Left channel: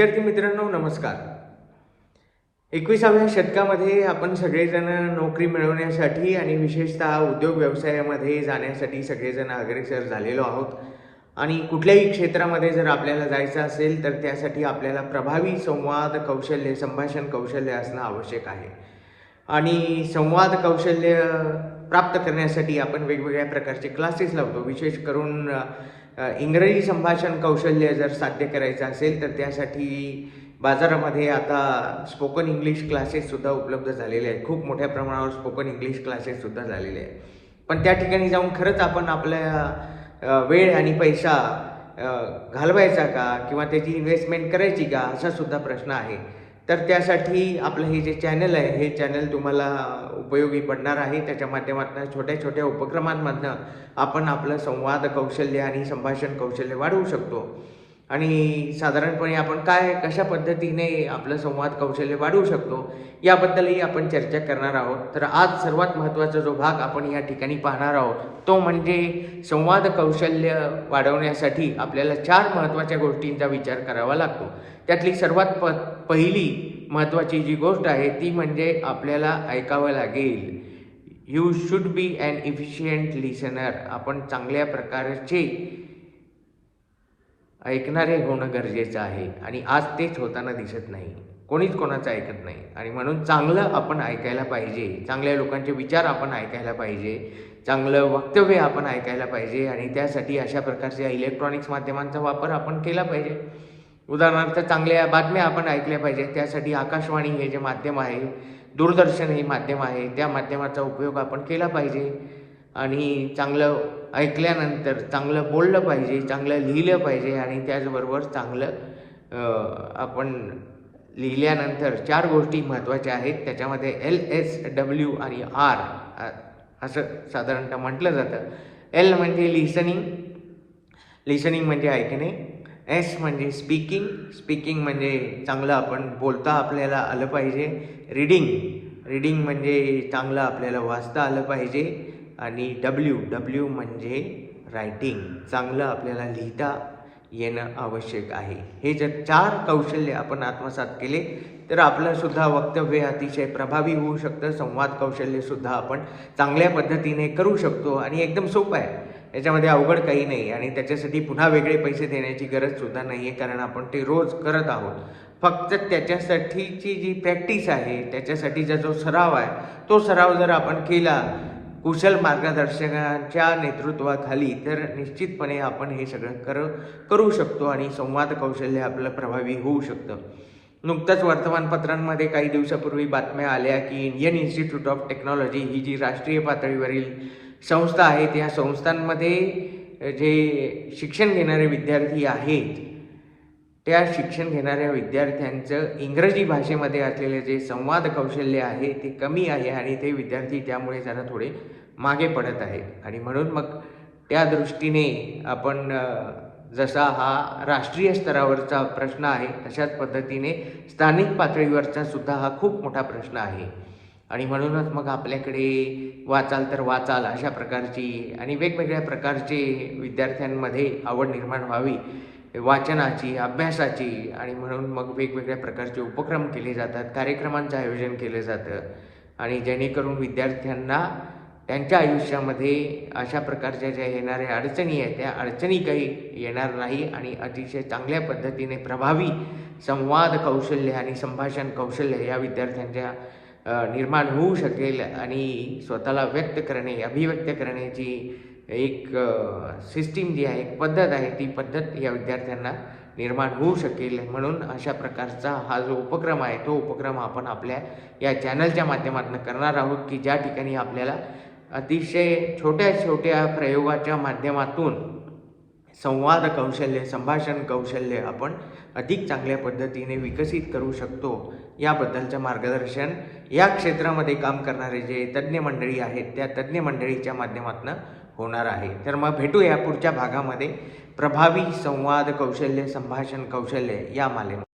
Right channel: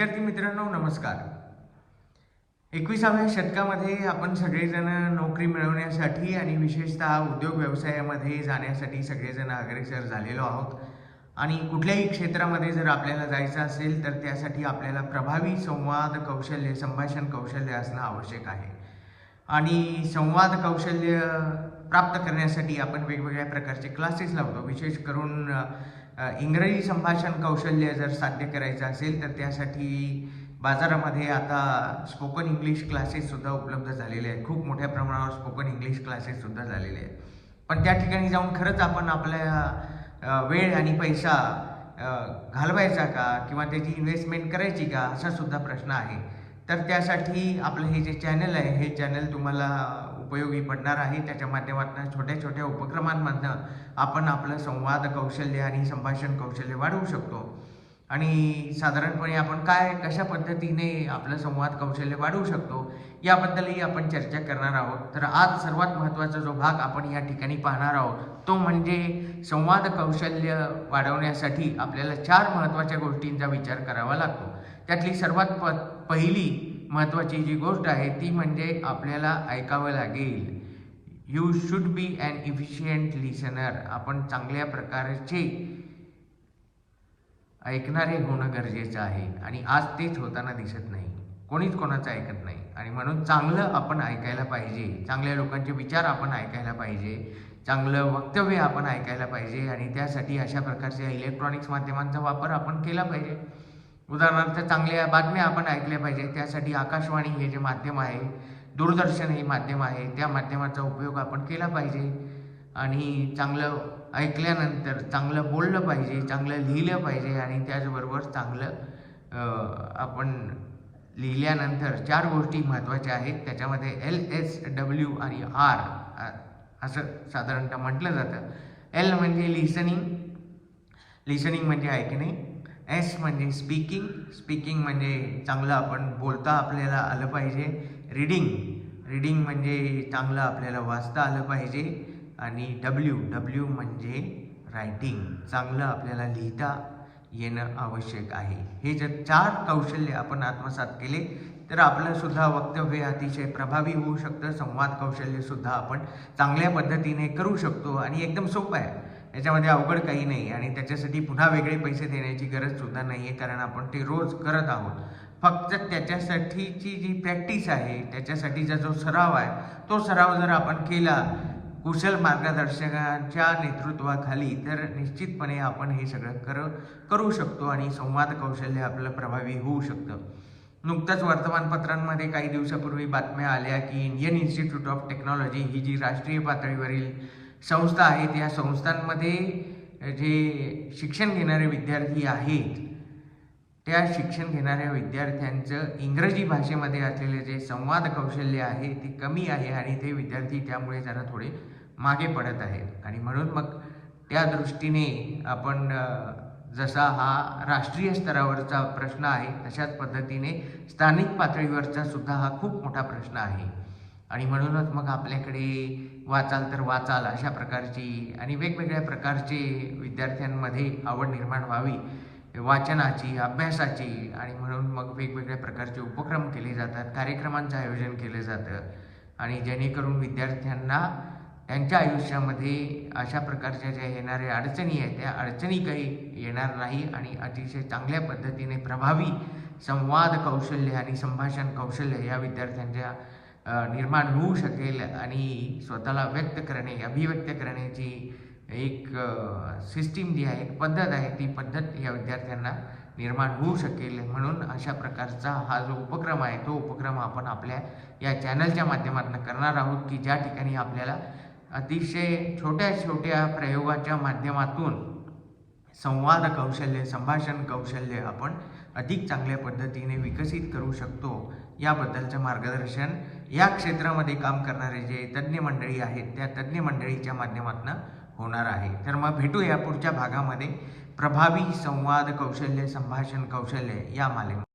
विद्यार्थी मित्रांनो नमस्कार. एकविसाव्या शतकामध्ये आपण सगळेजण नोकरी मिळवण्यासाठी आणि विशेषतः उद्योग व्यवसायामध्ये जाण्यासाठी सगळेजण अग्रेसर झालेलो आहोत. आणि कुठल्याही क्षेत्रामध्ये जर आपल्याला जायचं असेल तर त्यासाठी आपल्याला प्रभावी संवाद कौशल्य संभाषण कौशल्य असणं आवश्यक आहे. आणि संवाद कौशल्य प्राप्त करण्यासाठी आपण वेगवेगळ्या प्रकारचे क्लासेस लावतो. विशेष करून इंग्रजी संभाषण कौशल्य जर साध्य करायचं असेल तर त्यासाठी बाजारामध्ये आता स्पोकन इंग्लिश क्लासेससुद्धा उपलब्ध झालेले आहेत. खूप मोठ्या प्रमाणावर स्पोकन इंग्लिश क्लासेससुद्धा झालेले आहेत. पण त्या ठिकाणी जाऊन खरंच आपण आपल्या वेळ आणि पैसा घालवायचा का? किंवा त्याची इन्व्हेस्टमेंट करायची का? असा सुद्धा प्रश्न आहे. तर त्यासाठी आपलं हे जे चॅनल आहे हे चॅनल तुम्हाला उपयोगी पडणार आहे. त्याच्या माध्यमातून छोट्या छोट्या उपक्रमांमधनं आपण आपलं संवाद कौशल्य आणि संभाषण कौशल्य वाढवू शकतो. आणि साधारणपणे आपण काय कशा पद्धतीने आपलं संवाद कौशल्य वाढवू शकतो याबद्दलही आपण चर्चा करणार आहोत. तर आज सर्वात महत्त्वाचा जो भाग आपण या ठिकाणी पाहणार आहोत तो म्हणजे संवाद कौशल्य वाढवण्यासाठी आपल्याला चार महत्त्वाच्या गोष्टींचा विचार करावा लागतो. त्यातली सर्वात प पहिली महत्त्वाची जी गोष्ट आहे ती म्हणजे आपल्याला ऐकावं लागेल. You should be an efficient listener आपण चांगल्या प्रकारचे ऐकणारे होणं गरजेचं आहे आणि आज तेच होताना दिसत नाही. कोणीच कोणाचं ऐकत नाही. आणि म्हणून चांगलं आपण ऐकायला पाहिजे. चांगल्या लोकांचे विचार आपण ऐकायला पाहिजे. चांगलं वक्तव्य आपण ऐकायला पाहिजे. आणि त्यासाठी अशा प्रकारच्या इलेक्ट्रॉनिक्स माध्यमांचा वापर आपण केला पाहिजे. उदाहरणार्थ चांगल्या बातम्या आपण ऐकल्या पाहिजे. त्यासाठी आकाशवाणी हे जे माध्यम आहे दूरदर्शन हे माध्यम आहे त्या माध्यमाचा उपयोग आपण केला पाहिजे. आणि चांगलं ऐकल्यानंतर चांगलं बोललं पाहिजे चांगलं लिहिलं पाहिजे आणि त्याचबरोबर चांगलं आपण लिहिल्यानंतर चार गोष्टी महत्त्वाच्या आहेत. त्याच्यामध्ये एल एस डब्ल्यू आणि आर असं साधारणतः म्हटलं जातं. एल म्हणजे लिसनिंग लिसनिंग म्हणजे ऐकणे. एस म्हणजे स्पीकिंग स्पीकिंग म्हणजे चांगलं आपण बोलता आपल्याला आलं पाहिजे. रीडिंग रीडिंग म्हणजे चांगलं आपल्याला वाचता आलं पाहिजे. आणि डब्ल्यू डब्ल्यू म्हणजे रायटिंग चांगलं आपल्याला लिहिता येणं आवश्यक आहे. हे जर चार कौशल्य आपण आत्मसात केले तर आपलंसुद्धा वक्तव्य अतिशय प्रभावी होऊ शकतं. संवाद कौशल्यसुद्धा आपण चांगल्या पद्धतीने करू शकतो आणि एकदम सोपं आहे. याच्यामध्ये अवघड काही नाही आणि त्याच्यासाठी पुन्हा वेगळे पैसे देण्याची गरजसुद्धा नाही आहे कारण आपण ते रोज करत आहोत. फक्त त्याच्यासाठीची जी प्रॅक्टिस आहे त्याच्यासाठीचा जो सराव आहे तो सराव जर आपण केला कुशल मार्गदर्शकांच्या नेतृत्वाखाली तर निश्चितपणे आपण हे सगळं कर करू शकतो आणि संवाद कौशल्य आपलं प्रभावी होऊ शकतं. नुकतंच वर्तमानपत्रांमध्ये काही दिवसापूर्वी बातम्या आल्या की इंडियन इन्स्टिट्यूट ऑफ टेक्नॉलॉजी ही जी राष्ट्रीय पातळीवरील संस्था आहे त्या संस्थांमध्ये जे शिक्षण घेणारे विद्यार्थी आहेत त्या शिक्षण घेणाऱ्या विद्यार्थ्यांचं इंग्रजी भाषेमध्ये असलेले जे संवाद कौशल्य आहे ते कमी आहे आणि ते विद्यार्थी त्यामुळे जरा थोडे मागे पडत आहेत. आणि म्हणून मग त्या दृष्टीने आपण जसा हा राष्ट्रीय स्तरावरचा प्रश्न आहे तशाच पद्धतीने स्थानिक पातळीवरचा सुद्धा हा खूप मोठा प्रश्न आहे. आणि म्हणूनच मग आपल्याकडे वाचाल तर वाचाल अशा प्रकारची आणि वेगवेगळ्या प्रकारचे विद्यार्थ्यांमध्ये आवड निर्माण व्हावी. वाचनाची अभ्यासाची आणि म्हणून मग वेगवेगळ्या प्रकारचे उपक्रम केले जातात कार्यक्रमांचं आयोजन केलं जातं. आणि जेणेकरून विद्यार्थ्यांना त्यांच्या आयुष्यामध्ये अशा प्रकारच्या ज्या येणाऱ्या अडचणी आहेत त्या अडचणी काही येणार नाही आणि अतिशय चांगल्या पद्धतीने प्रभावी संवाद कौशल्य आणि संभाषण कौशल्य या विद्यार्थ्यांच्या निर्माण होऊ शकेल आणि स्वतःला व्यक्त करणे अभिव्यक्त करण्याची एक सिस्टीम जी आहे एक पद्धत आहे ती पद्धत या विद्यार्थ्यांना निर्माण होऊ शकेल. म्हणून अशा प्रकारचा हा जो उपक्रम आहे तो उपक्रम आपण आपल्या या चॅनलच्या माध्यमातून करणार आहोत की ज्या ठिकाणी आपल्याला अतिशय छोट्या छोट्या प्रयोगाच्या माध्यमातून संवाद कौशल्य संभाषण कौशल्य आपण अधिक चांगल्या पद्धतीने विकसित करू शकतो. याबद्दलचं मार्गदर्शन या क्षेत्रामध्ये काम करणारे जे तज्ज्ञ मंडळी आहेत त्या तज्ज्ञ मंडळीच्या माध्यमातून होणार आहे. तर मग भेटूया पुढच्या भागामध्ये. प्रभावी संवाद कौशल्य संभाषण कौशल्य या मालेमध्ये